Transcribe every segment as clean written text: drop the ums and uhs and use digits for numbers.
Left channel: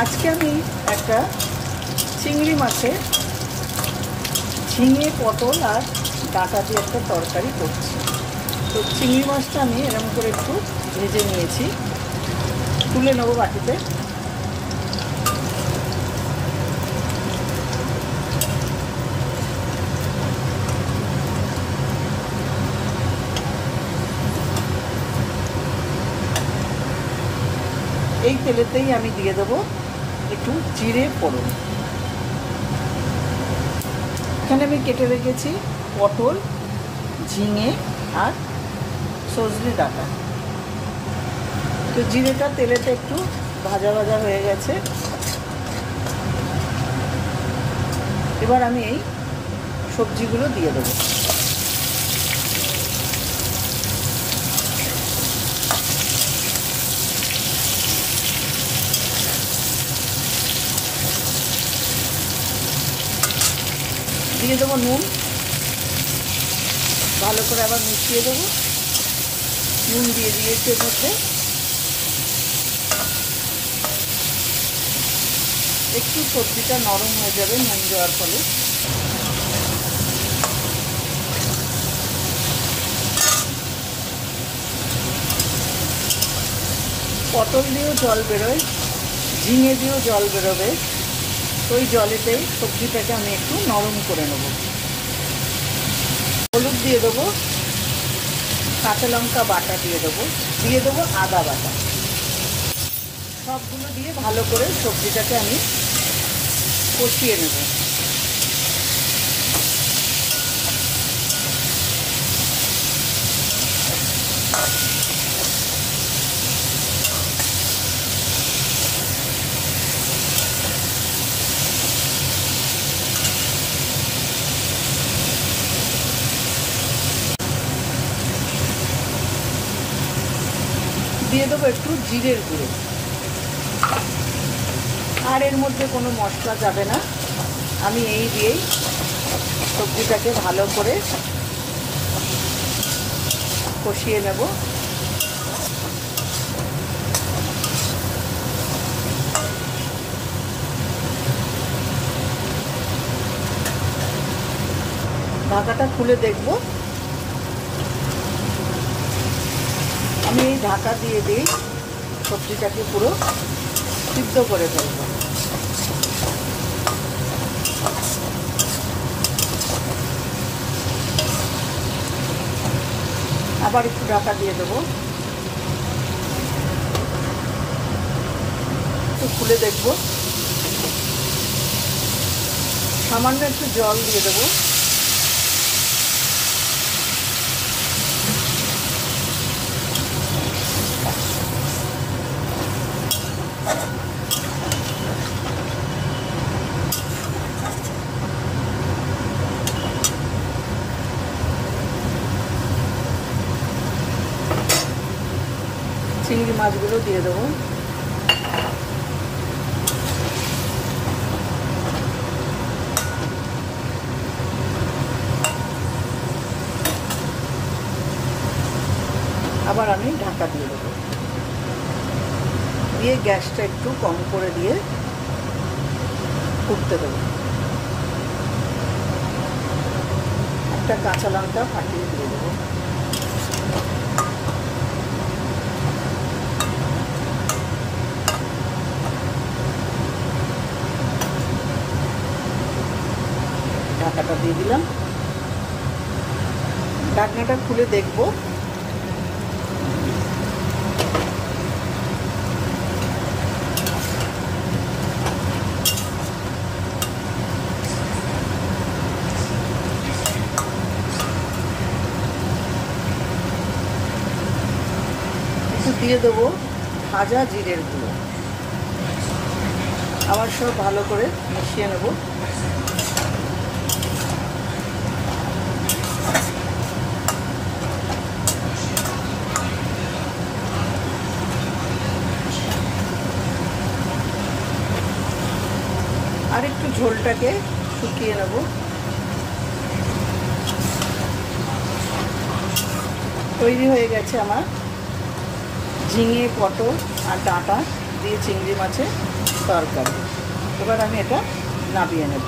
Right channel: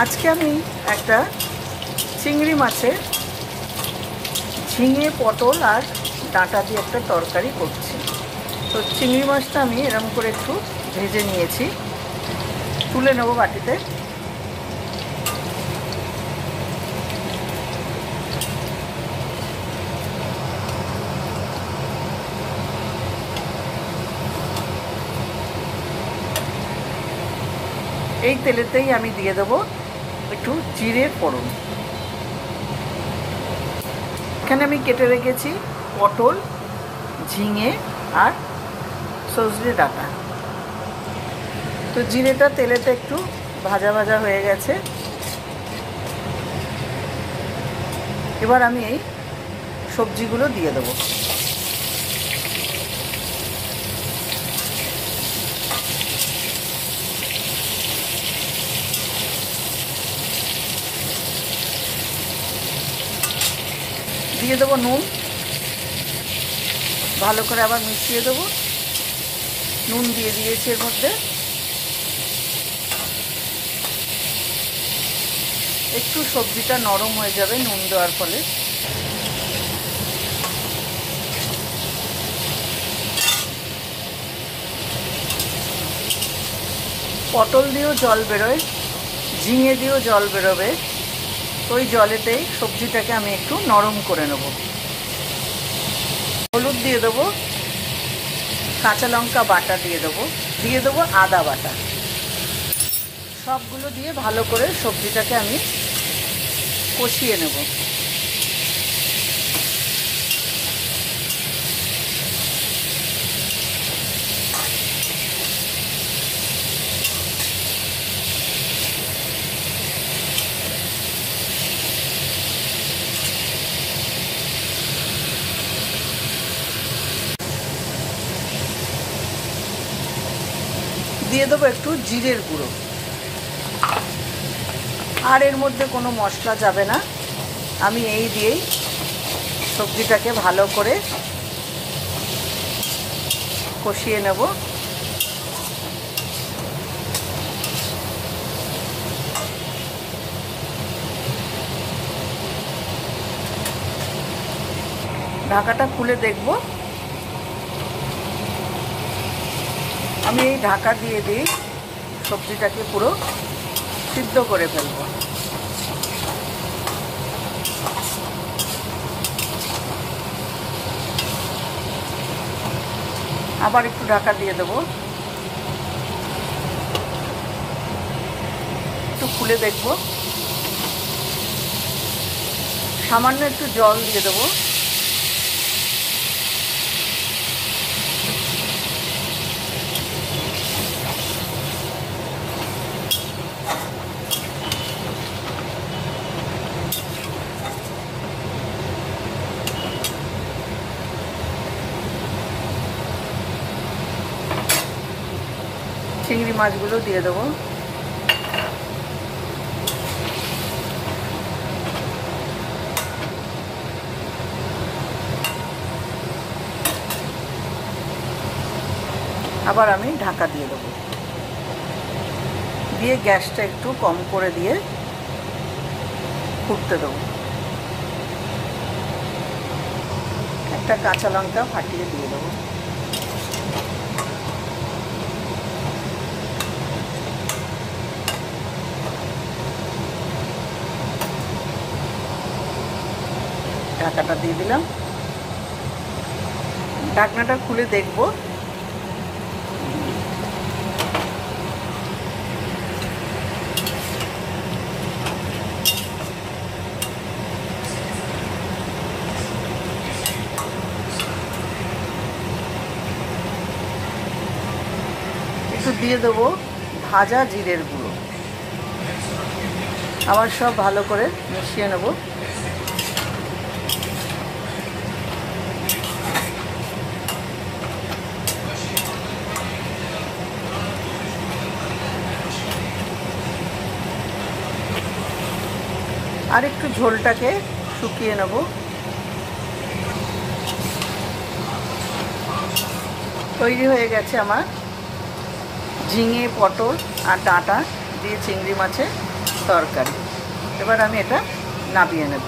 আজকে আমি একটা চিংড়ি মাছের ঝিঙে পটল আর ডাঁটা দিয়ে একটা তরকারি করছি। তো চিংড়ি মাছটা আমি এরকম করে একটু ভেজে নিয়েছি, তুলে নেব বাটিতে। এই তেলেতেই আমি দিয়ে দেবো একটু জিরে ফোড়ন। এখানে আমি কেটে রেখেছি পটল, ঝিঙে আর সজনে ডাঁটা। তো জিরেটা তেলেতে একটু ভাজা ভাজা হয়ে গেছে। এবার আমি এই সবজিগুলো দিয়ে দেবো। দিয়ে দেবো নুন, ভালো করে আবার মিশিয়ে দেবো। নুন দিয়ে দিয়েছি এর মধ্যে। একটু সবজিটা নরম হয়ে যাবে নুন দেওয়ার ফলে। পটল দিয়েও জল বেরোয়, ঝিঙে দিয়েও জল বেরোবে। তো ওই জলেতেই সবজিটাকে আমি একটু নরম করে নেব। হলুদ দিয়ে দেবো, কাঁচা লঙ্কা বাটা দিয়ে দেবো আদা বাটা। সবগুলো দিয়ে ভালো করে সবজিটাকে আমি কষিয়ে নেব। দিয়ে দেবো একটু জিরের গুঁড়ো। আর এর মধ্যে কোনো মশলা যাবে না। আমি এই দিয়েই সবজিটাকে ভালো করে কষিয়ে নেব। ঢাকাটা খুলে দেখব। আমি এই ঢাকা দিয়ে দিই সবজিটাকে পুরো সিদ্ধ করে ফেলব। আবার একটু ঢাকা দিয়ে দেবো। একটু খুলে দেখব। সামান্য একটু জল দিয়ে দেবো। চিংড়ি মাছগুলো দিয়ে দেবো। আবার আমি ঢাকা দিয়ে দেবো। দিয়ে গ্যাসটা একটু কম করে দিয়ে ফুটতে দেবো। একটা কাঁচা লঙ্কা ফাটিয়ে দিয়ে দেবো। ঢাকাটা দিয়ে দিলাম। ঢাকনাটা খুলে দেখব। একটু দিয়ে দেবো ভাজা জিরের গুঁড়ো। আবার সব ভালো করে মিশিয়ে নেব। আর একটু ঝোলটাকে শুকিয়ে নেব। তৈরি হয়ে গেছে আমার ঝিঙে পটল আর ডাঁটা দিয়ে চিংড়ি মাছের তরকারি। এবার আমি এটা নামিয়ে নেব।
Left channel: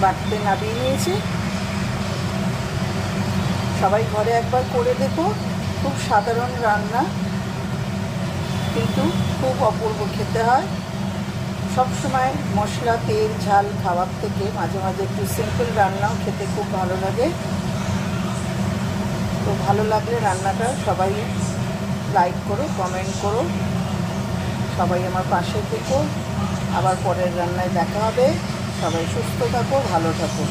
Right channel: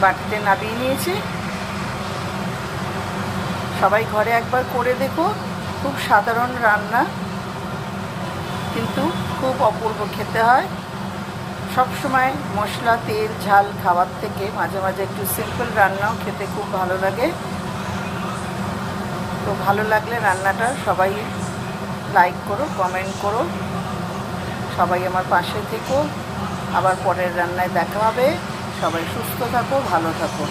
বাটিতে নামিয়ে নিয়েছি। সবাই ঘরে একবার করে দেখো, খুব সাধারণ রান্না কিন্তু খুব অপূর্ব খেতে হয়। সবসময় মশলা তেল ঝাল খাওয়ার থেকে মাঝে মাঝে একটু সিম্পল রান্নাও খেতে খুব ভালো লাগে। তো ভালো লাগলে রান্নাটা সবাই লাইক করো, কমেন্ট করো, সবাই আমার পাশে থেকো। আবার পরের রান্নায় দেখা হবে। সবাই সুস্থ থাকো, ভালো থাকো।